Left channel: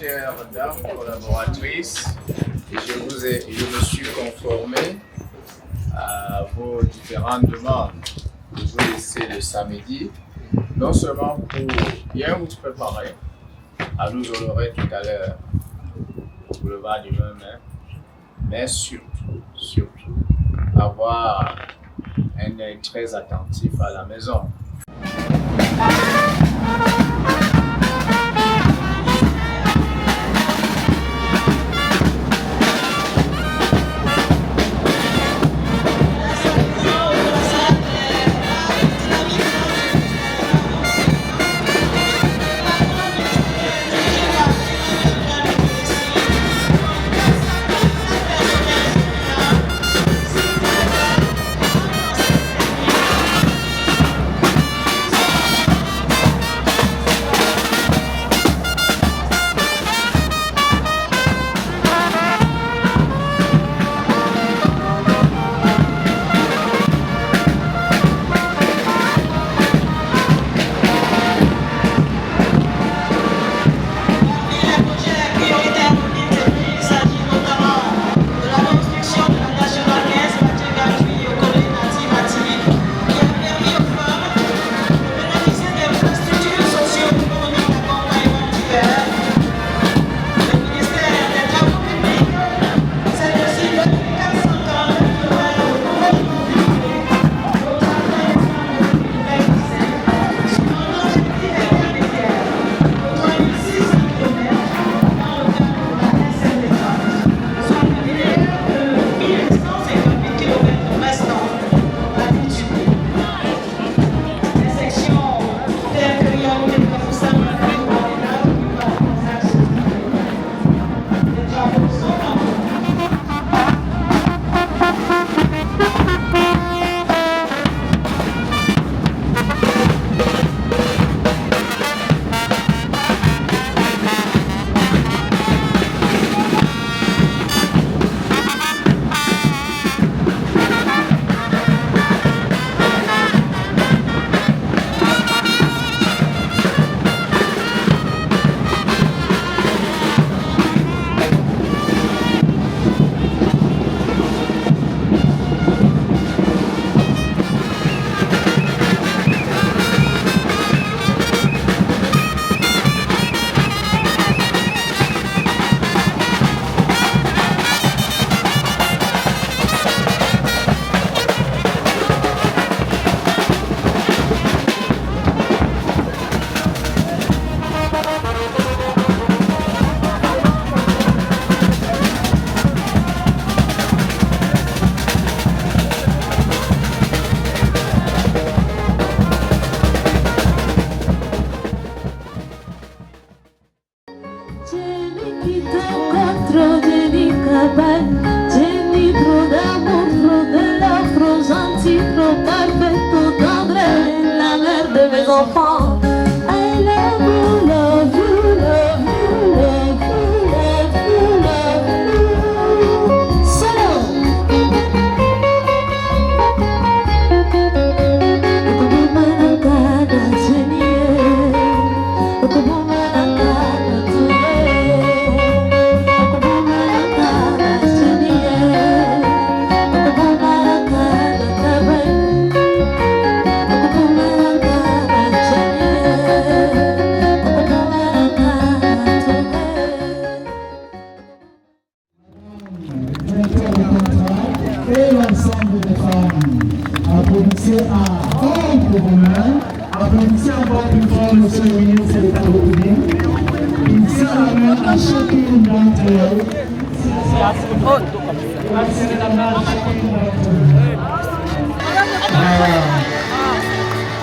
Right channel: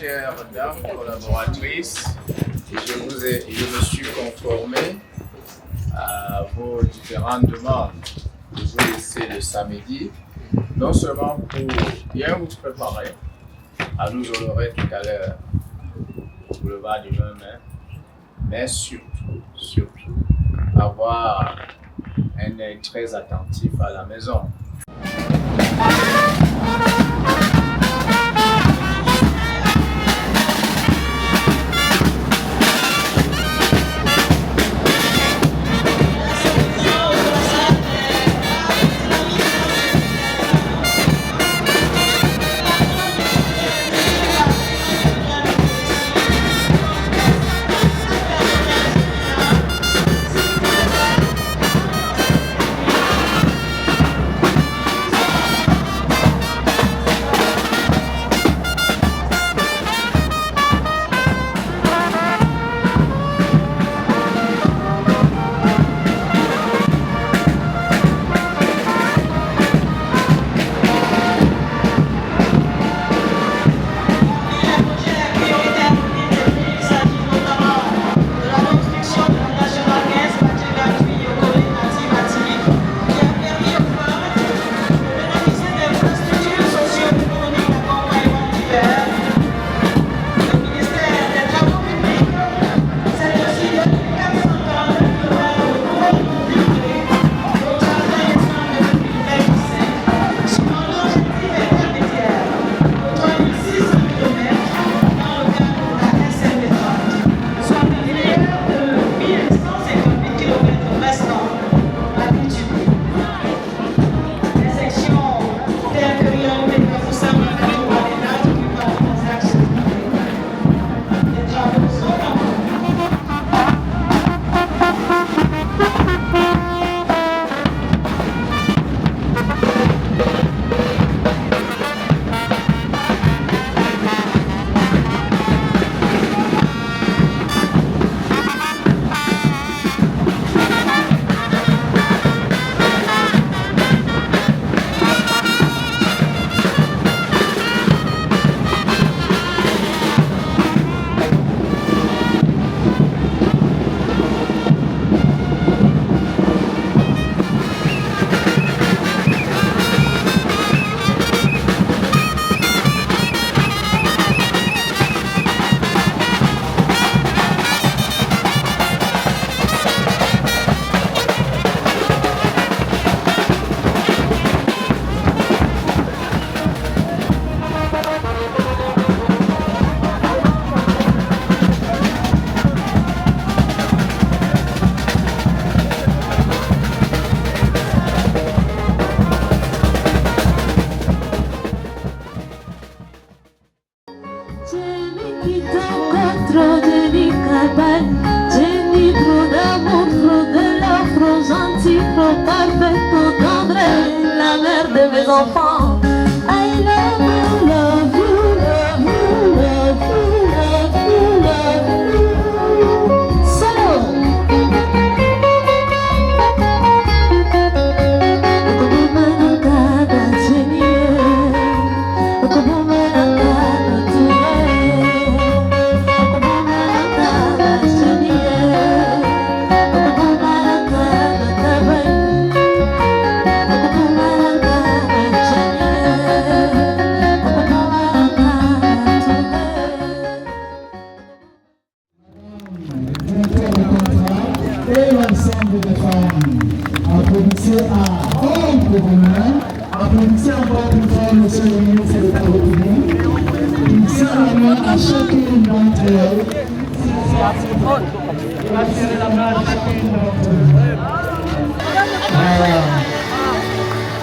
chère dame collaboratrice, je me suis conformé à vos différentes demandes de vous laisser le samedi, non seulement pour bien vous préparer à nous honorer tout à l'heure au boulevard du 20 mai, mais surtout, avoir un œil très attentif à la maison.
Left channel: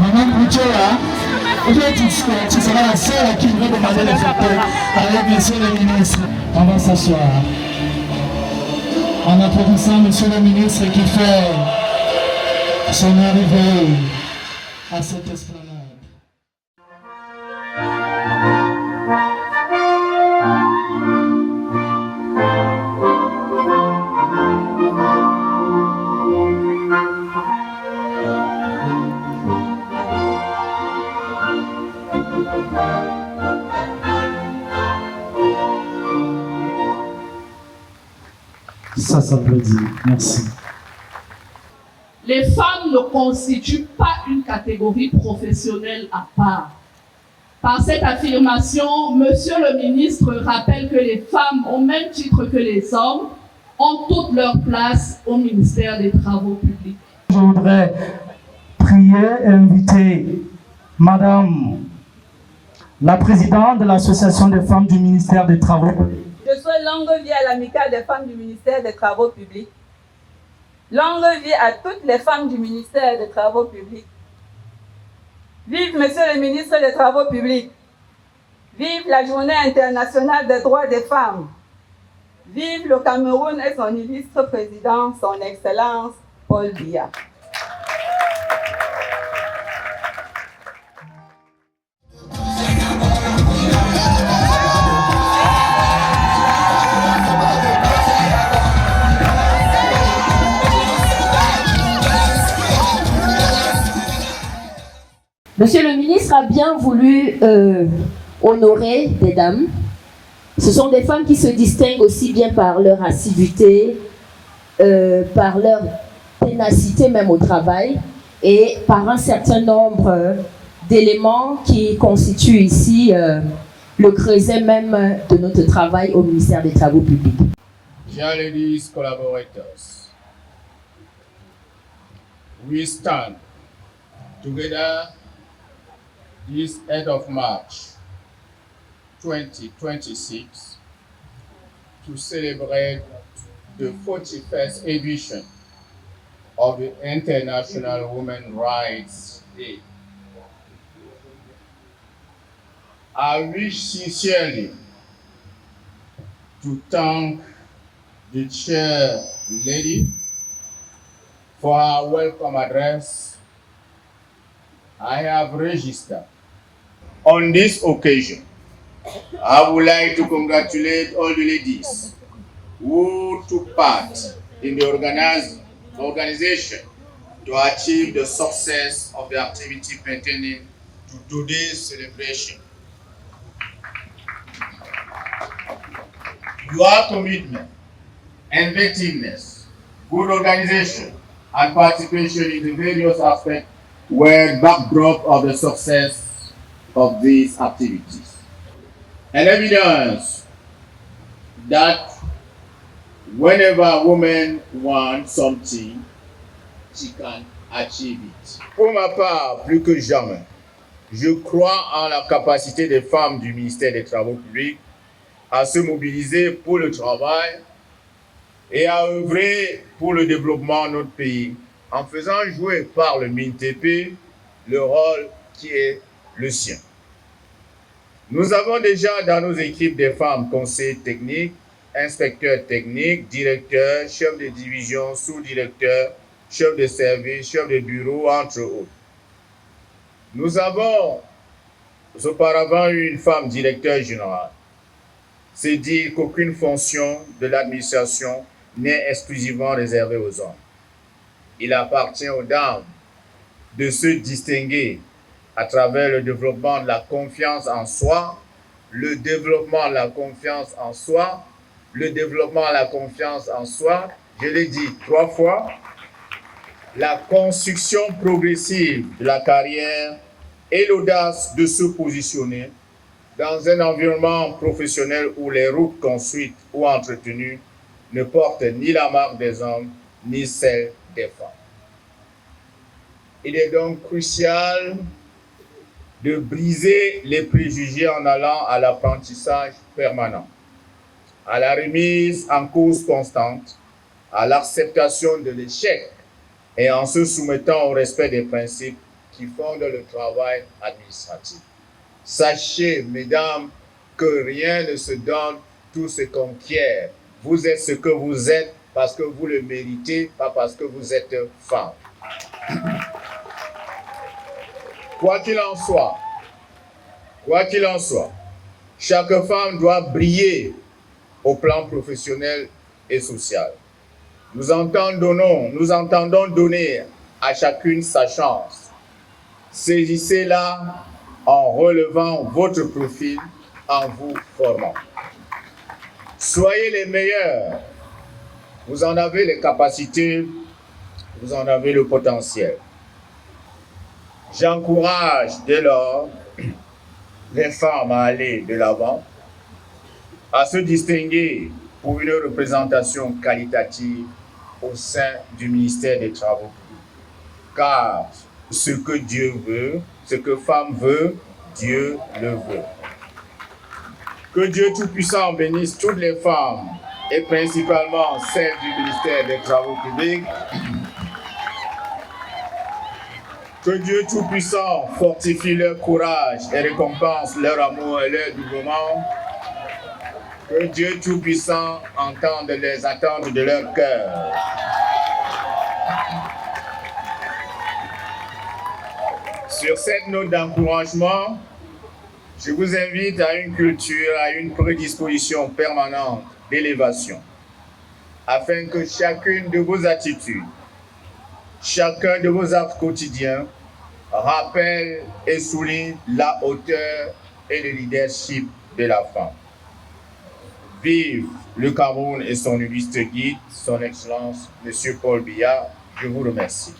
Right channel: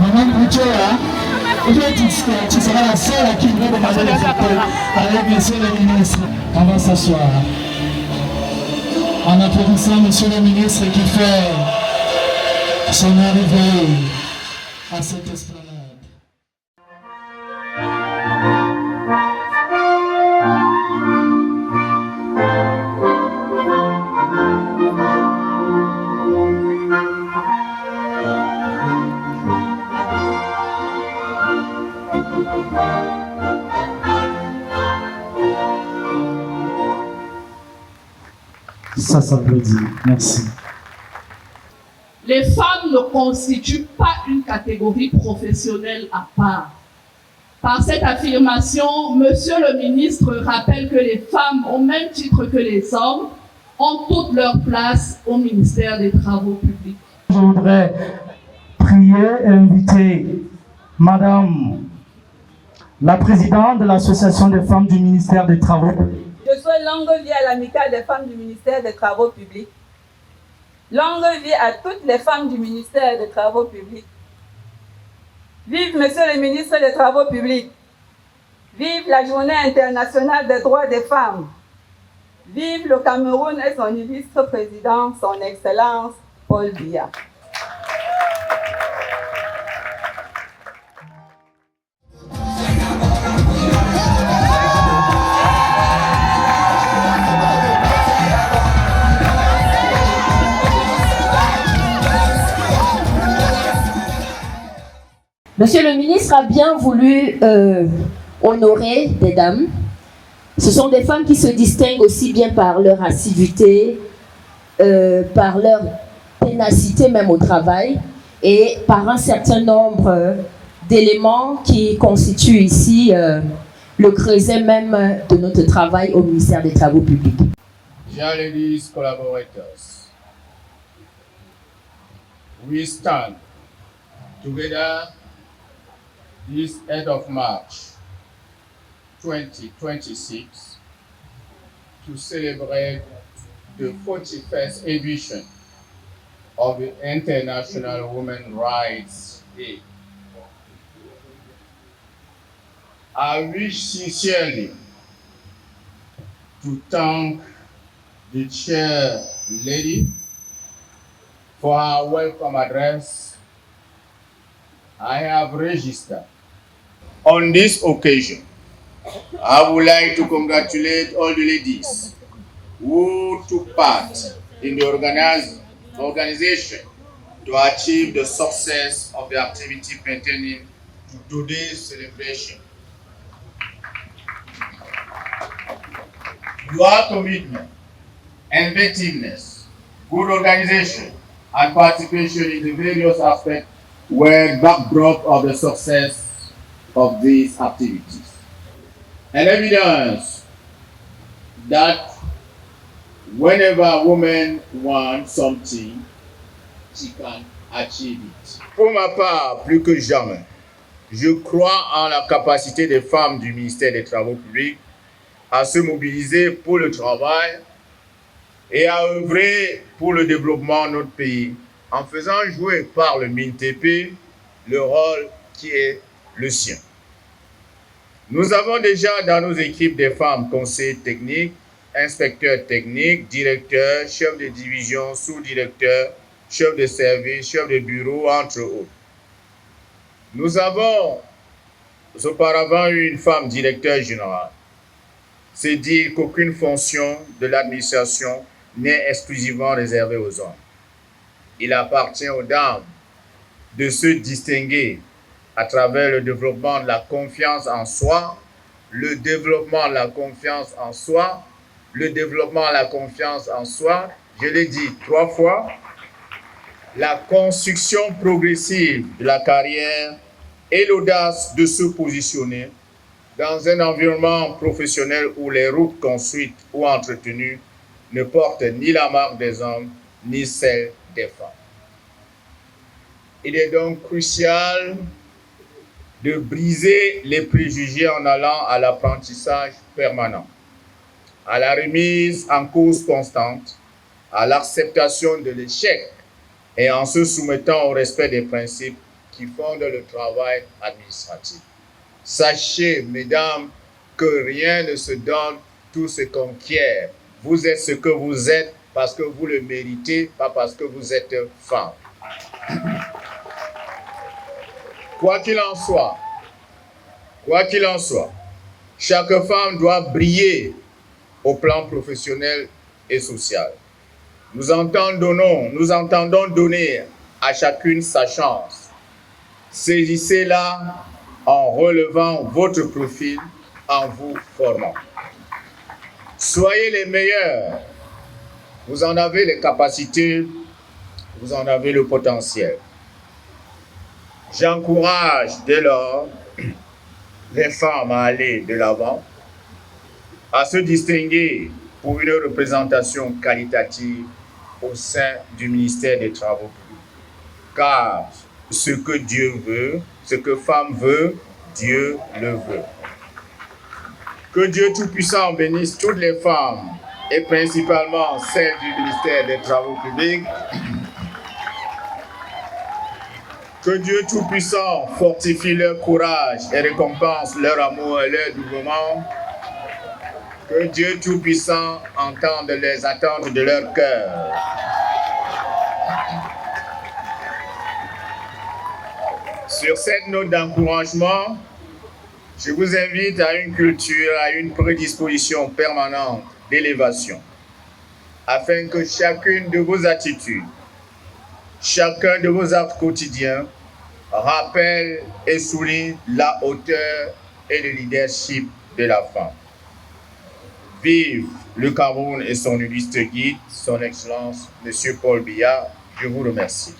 Madame Bouchera, aujourd'hui tu seras la seule qui va demander les photos avec monsieur le ministre. On va s'asseoir. En applaudissant monsieur le ministre qui fait son arrivée à cette esplanade. Ça veut dire. Merci. Les femmes ne constituent pas une catégorie professionnelle à part. Par cette affirmation, Monsieur le ministre rappelle que les femmes, au même titre que les hommes, ont toute leur place au ministère des Travaux publics. Je voudrais prier et inviter Madame la présidente de l'Association des femmes du ministère des Travaux publics. Je souhaite longue vie à l'amicale des femmes du ministère des Travaux publics. Longue vie à toutes les femmes du ministère des Travaux publics. Vive Monsieur le ministre des Travaux publics. Vive la Journée internationale des droits des femmes. Vive le Cameroun et son illustre président, son Excellence Paul Biya. Monsieur le ministre a bien voulu honorer des dames. Ce sont des femmes qui se distinguent aussi bien par leur assiduité, par leur ténacité même au travail et par un certain nombre d'éléments qui constituent ici le creuset même de notre travail au ministère des Travaux publics. Chers ladies collaborators, we stand together this end of March 2026 to celebrate the 41st edition of the International Women's Rights Day. I wish sincerely to thank the chair lady for her welcome address I have registered. On this occasion, I would like to congratulate all the ladies who took part in the organization to achieve the success of the activity pertaining to today's celebration. Your commitment, inventiveness, good organization, and participation in the various aspects were backdrop of the success of these activities. An evidence that whenever a woman wants something, she can achieve it. Pour ma part, plus que jamais, je crois en la capacité des femmes du ministère des Travaux publics à se mobiliser pour le travail et à œuvrer pour le développement de notre pays en faisant jouer par le MINTP le rôle qui est le sien. Nous avons déjà dans nos équipes des femmes conseillers techniques, inspecteurs techniques, directeurs, chefs de division, sous-directeurs, chefs de service, chefs de bureau, entre autres. Nous avons auparavant eu une femme directeur général. C'est dire qu'aucune fonction de l'administration n'est exclusivement réservée aux hommes. Il appartient aux dames de se distinguer à travers le développement de la confiance en soi, le développement de la confiance en soi, le développement de la confiance en soi, je l'ai dit 3 fois, la construction progressive de la carrière et l'audace de se positionner dans un environnement professionnel où les routes construites ou entretenues ne portent ni la marque des hommes, ni celle des femmes. Il est donc crucial de briser les préjugés en allant à l'apprentissage permanent, à la remise en cause constante, à l'acceptation de l'échec et en se soumettant au respect des principes qui fondent le travail administratif. Sachez, mesdames, que rien ne se donne, tout se conquiert. Vous êtes ce que vous êtes parce que vous le méritez, pas parce que vous êtes femme. Quoi qu'il en soit, chaque femme doit briller au plan professionnel et social. Nous entendons donner à chacune sa chance. Saisissez-la en relevant votre profil, en vous formant. Soyez les meilleurs Vous en avez les capacités, vous en avez le potentiel. J'encourage dès lors les femmes à aller de l'avant, à se distinguer pour une représentation qualitative au sein du ministère des Travaux publics. Car ce que Dieu veut, ce que femme veut, Dieu le veut. Que Dieu Tout-Puissant bénisse toutes les femmes, et principalement celles du ministère des Travaux publics. Que Dieu Tout-Puissant fortifie leur courage et récompense leur amour et leur dévouement. Que Dieu Tout-Puissant entende les attentes de leur cœur. Sur cette note d'encouragement, je vous invite à une culture, à une prédisposition permanente d'élévation, afin que chacune de vos attitudes, chacun de vos actes quotidiens rappelle et souligne la hauteur et le leadership de la femme. Vive le Cameroun et son illustre guide, son Excellence, M. Paul Biya. Je vous remercie.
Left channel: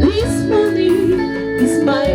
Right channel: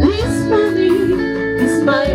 This money is my